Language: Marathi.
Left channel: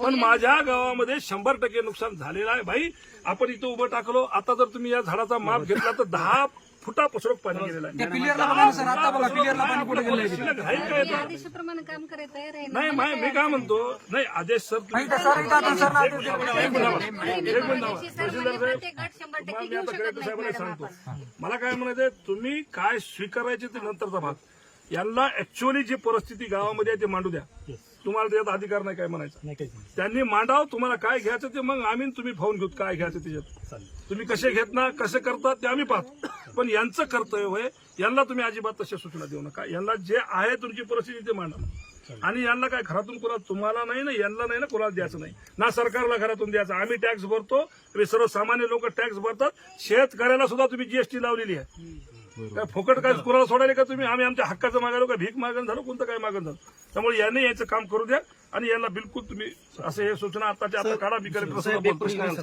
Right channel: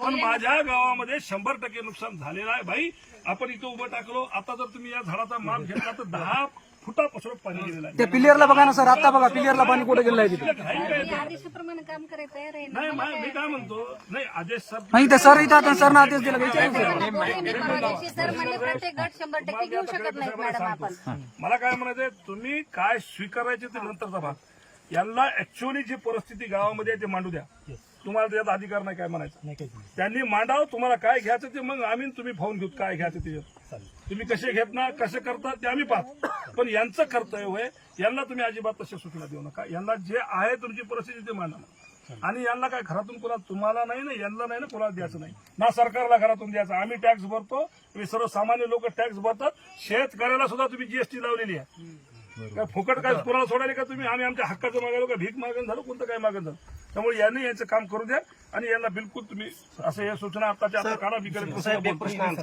पण माझ्या गावामध्ये शंभर टक्के नुकसान झालेलं आहे भाई. आपण इथं उभं टाकलो. आता जर तुम्ही या झाडाचा माप घेतला तर दहा फुटापासून पाणी गेलेलं आहे. त्या पिलियरला बघा ना सर आता बघा पिलियरला पाणी कुठे गेलं आहे तिथे. आदेशाप्रमाणे काम नाही मा- मी काय म्हणतो? नाही आदेश सर नाही ते सर इथे सर ना आदेश दिला. एक मिनिट थांबा. एक मिनिट थांबा. आदेशी सर तहसीलदार म्हणे प्रत्येक गट शंभर साहेब मी घेऊ आता शकत कलेक्टर नाही साहेबांना मॅडम सांगतो. आपण. मला काय म्हणायचंय तुम्ही काय स्वीकारायचे ते नंतरचा भाग. यांना ऍक्च्युअली जी परिस्थिती गावामध्ये आहे ते मांडू द्या. तुम्हाला त्याच्यात अधिकार नाही काय म्हणायचं? त्यांनी मांडाव तुम्हाला काय घ्यायचं ते मग आम्ही तुम्ही फावून घेऊ काय घ्यायचं त्याच्यात. तुम्ही कसे घेत ना कसे करता ते आम्ही पाहतो. पण यांचं कर्तव्य होय यांना तुम्ही अजिबात तशा सूचना देऊ नका. यांना जे आहे तुमची परिस्थिती ते मांडा. आणि यांना काय घरातून कोणाला तुम्हाला नाही ना यांना नाही ना कोणाला द्यायचं नाही. ना सरकारला घरातून द्यायचं. आम्ही टॅक्स भरतो सर्वसामान्य लोक टॅक्स भरतात. शेतकऱ्याला सुद्धा तुम्ही जीएसटी लावलेली आहे. काय फुकट काय कोणाला सोडायला का तुम्ही? आम्ही आमच्या हक्काचं मागायला का? भीक मागण झालं? कोणतं काय मागण झालं? त्यामुळे यांनी याचं काम करू द्या आणि यांना बिलकुल तुम्ही असं हे सूचना आताच्या आता काढा मी बोलतो.